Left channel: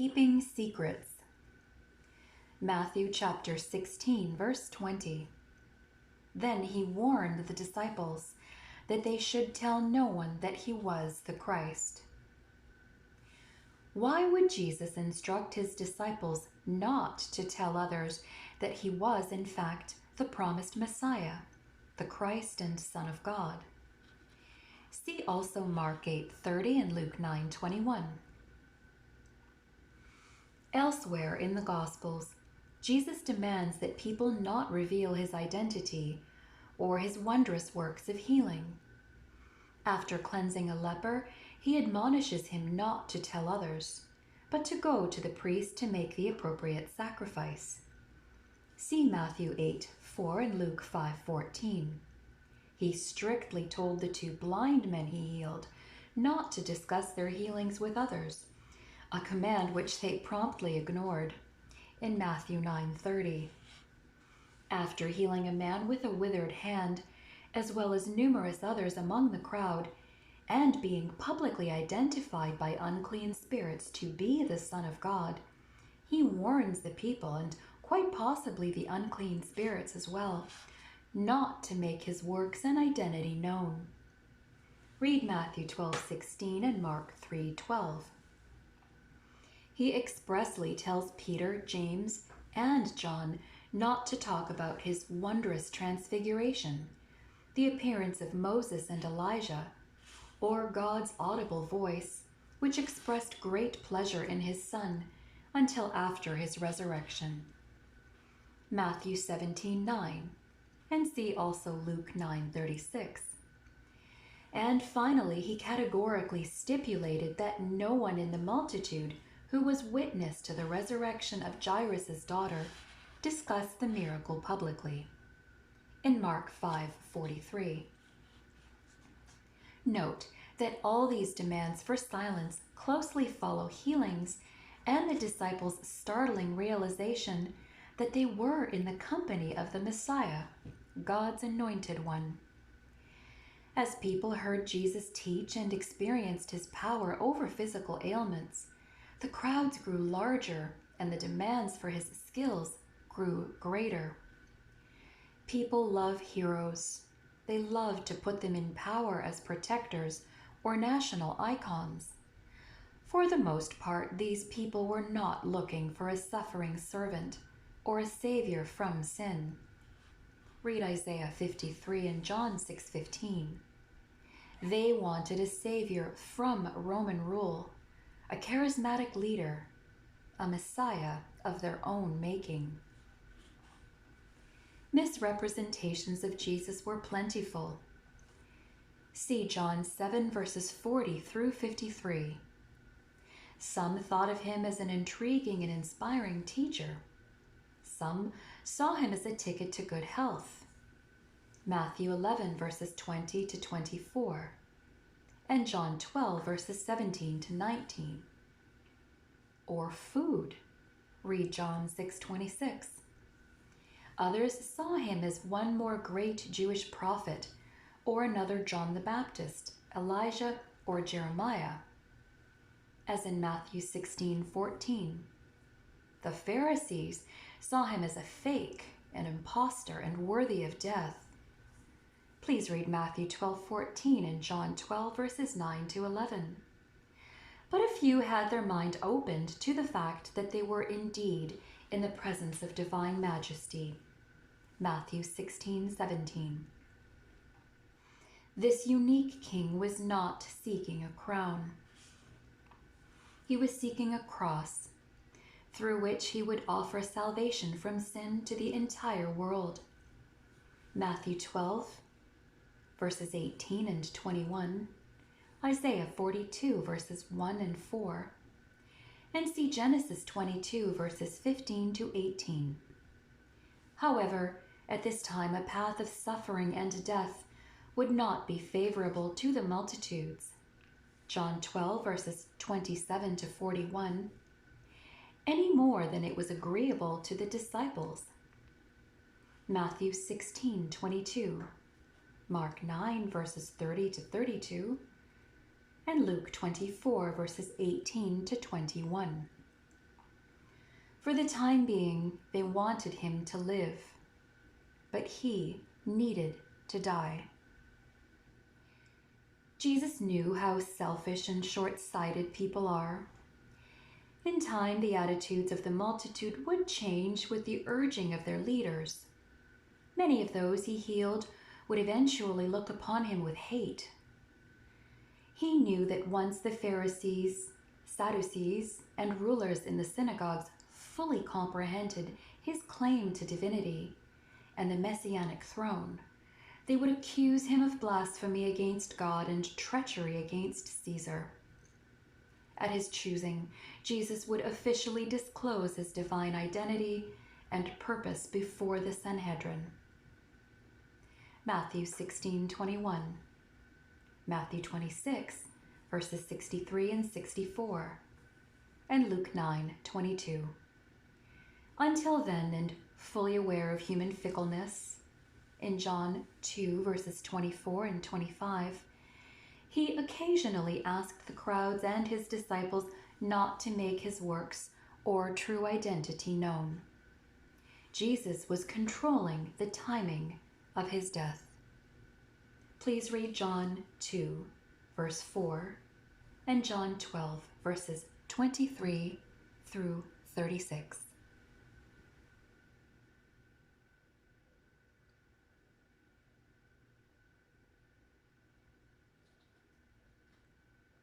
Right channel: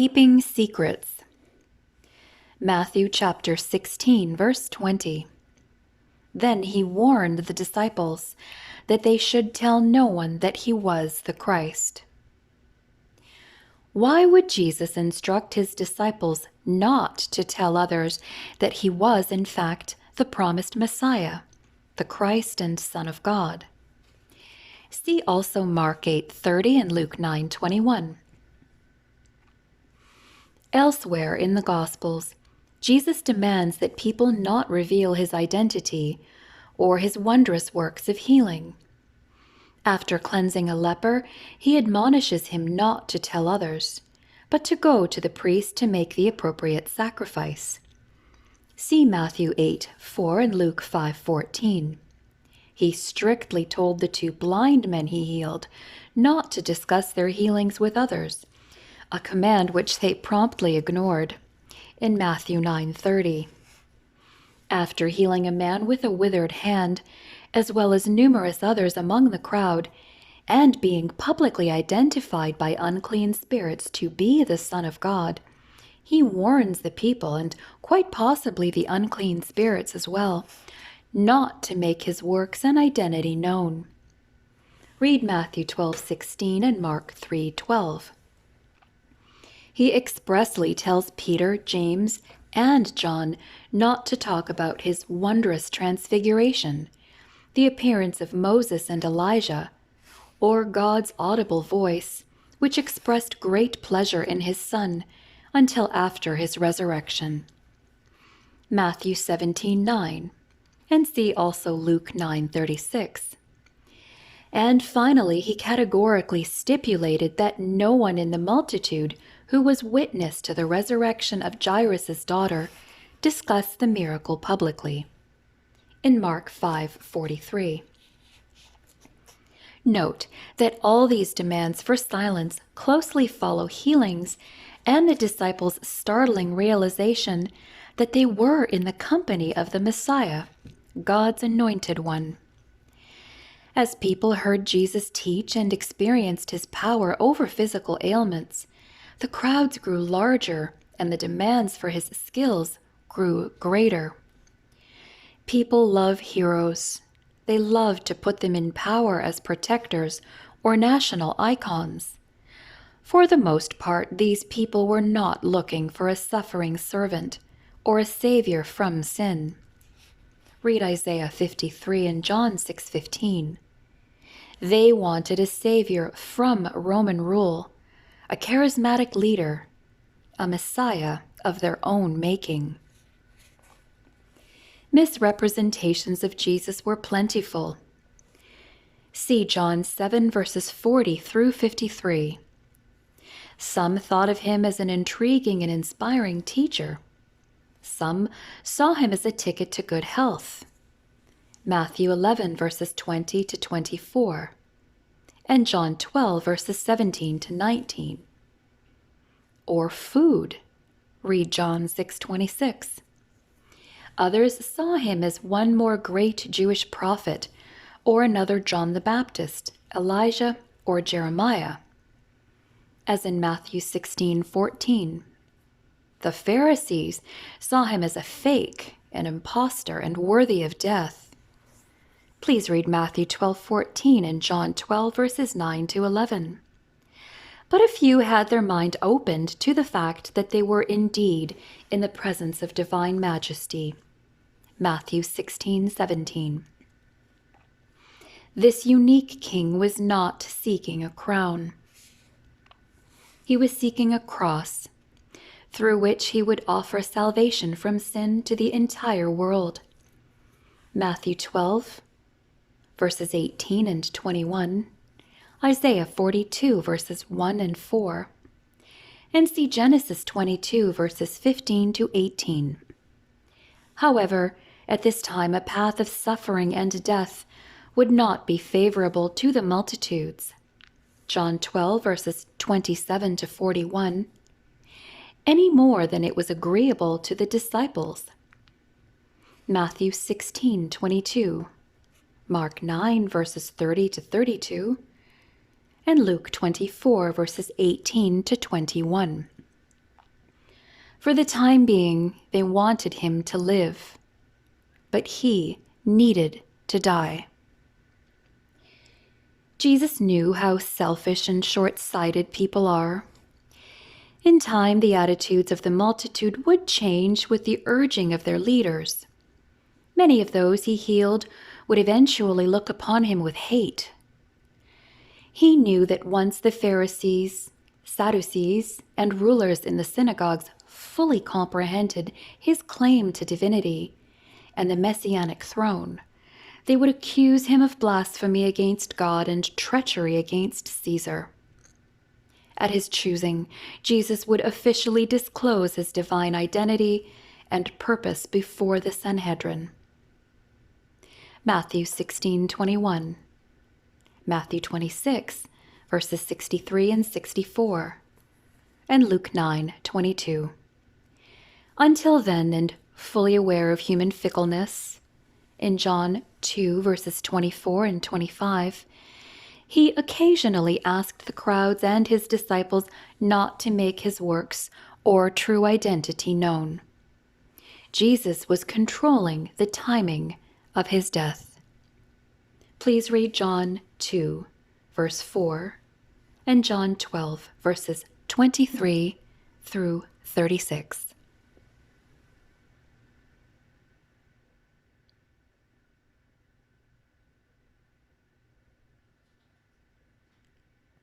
Keeping secrets. Matthew chapter 16, verse 20. Then he warned the disciples that they should tell no one that he was the Christ. Why would Jesus instruct his disciples not to tell others that he was, in fact, the promised Messiah, the Christ and Son of God? See also Mark 8:30 and Luke 9:21. Elsewhere in the Gospels, Jesus demands that people not reveal his identity or his wondrous works of healing. After cleansing a leper, he admonishes him not to tell others, but to go to the priest to make the appropriate sacrifice. See Matthew 8:4 and Luke 5:14. He strictly told the two blind men he healed not to discuss their healings with others, a command which they promptly ignored, in Matthew 9:30. After healing a man with a withered hand, as well as numerous others among the crowd, and being publicly identified by unclean spirits to be the Son of God, he warns the people, and quite possibly the unclean spirits as well, not to make his works and identity known. Read Matthew 12:16 and Mark 3:12. He expressly tells Peter, James, and John not to talk about his wondrous transfiguration, the appearance of Moses and Elijah, or God's audible voice, which expressed great pleasure in his Son, until after his resurrection. Matthew 17:9, and see also Luke 9:36. And finally, he categorically stipulated that no one in the multitude who was witness to the resurrection of Jairus' daughter discussed the miracle publicly, in Mark 5:43. Note that all these demands for silence closely follow healings and the disciples' startling realization that they were in the company of the Messiah, God's anointed one. As people heard Jesus teach and experienced his power over physical ailments, the crowds grew larger and the demands for his skills grew greater. People love heroes. They love to put them in power as protectors or national icons. For the most part, these people were not looking for a suffering servant or a savior from sin. Read Isaiah 53 and John 6:15. They wanted a savior from Roman rule, a charismatic leader, a Messiah of their own making. Misrepresentations of Jesus were plentiful. See John 7 verses 40 through 53. Some thought of him as an intriguing and inspiring teacher. Some saw him as a ticket to good health. Matthew 11 verses 20 to 24. And John 12 verses 17 to 19. Or food. Read John 6:26. Others saw him as one more great Jewish prophet, or another John the Baptist, Elijah, or Jeremiah. As in Matthew 16:14. The Pharisees saw him as a fake, an impostor, and worthy of death. Please read Matthew 12:14 and John 12 verses 9 to 11. But a few had their mind opened to the fact that they were indeed in the presence of divine majesty. Matthew 16:17. This unique king was not seeking a crown. He was seeking a cross, through which he would offer salvation from sin to the entire world. Matthew 12 verses 18 and 21, Isaiah 42 verses 1 and 4, and see Genesis 22 verses 15 to 18. However, at this time a path of suffering and death would not be favorable to the multitudes. John 12 verses 27 to 41, any more than it was agreeable to the disciples. Matthew 16:22, Mark 9 verses 30 to 32, and Luke 24 verses 18 to 21. For the time being, they wanted him to live, but he needed to die. Jesus knew how selfish and short-sighted people are. In time, the attitudes of the multitude would change with the urging of their leaders. Many of those he healed would eventually look upon him with hate. He knew that once the Pharisees, Sadducees, and rulers in the synagogues fully comprehended his claim to divinity and the messianic throne, they would accuse him of blasphemy against God and treachery against Caesar. At his choosing, Jesus would officially disclose his divine identity and purpose before the Sanhedrin. Matthew 16:21, Matthew 26, verses 63 and 64, and Luke 9:22. Until then, and fully aware of human fickleness, in John 2, verses 24 and 25, he occasionally asked the crowds and his disciples not to make his works or true identity known. Jesus was controlling the timing of his death. Please read John 2, verse 4, and John 12, verses 23 through 36.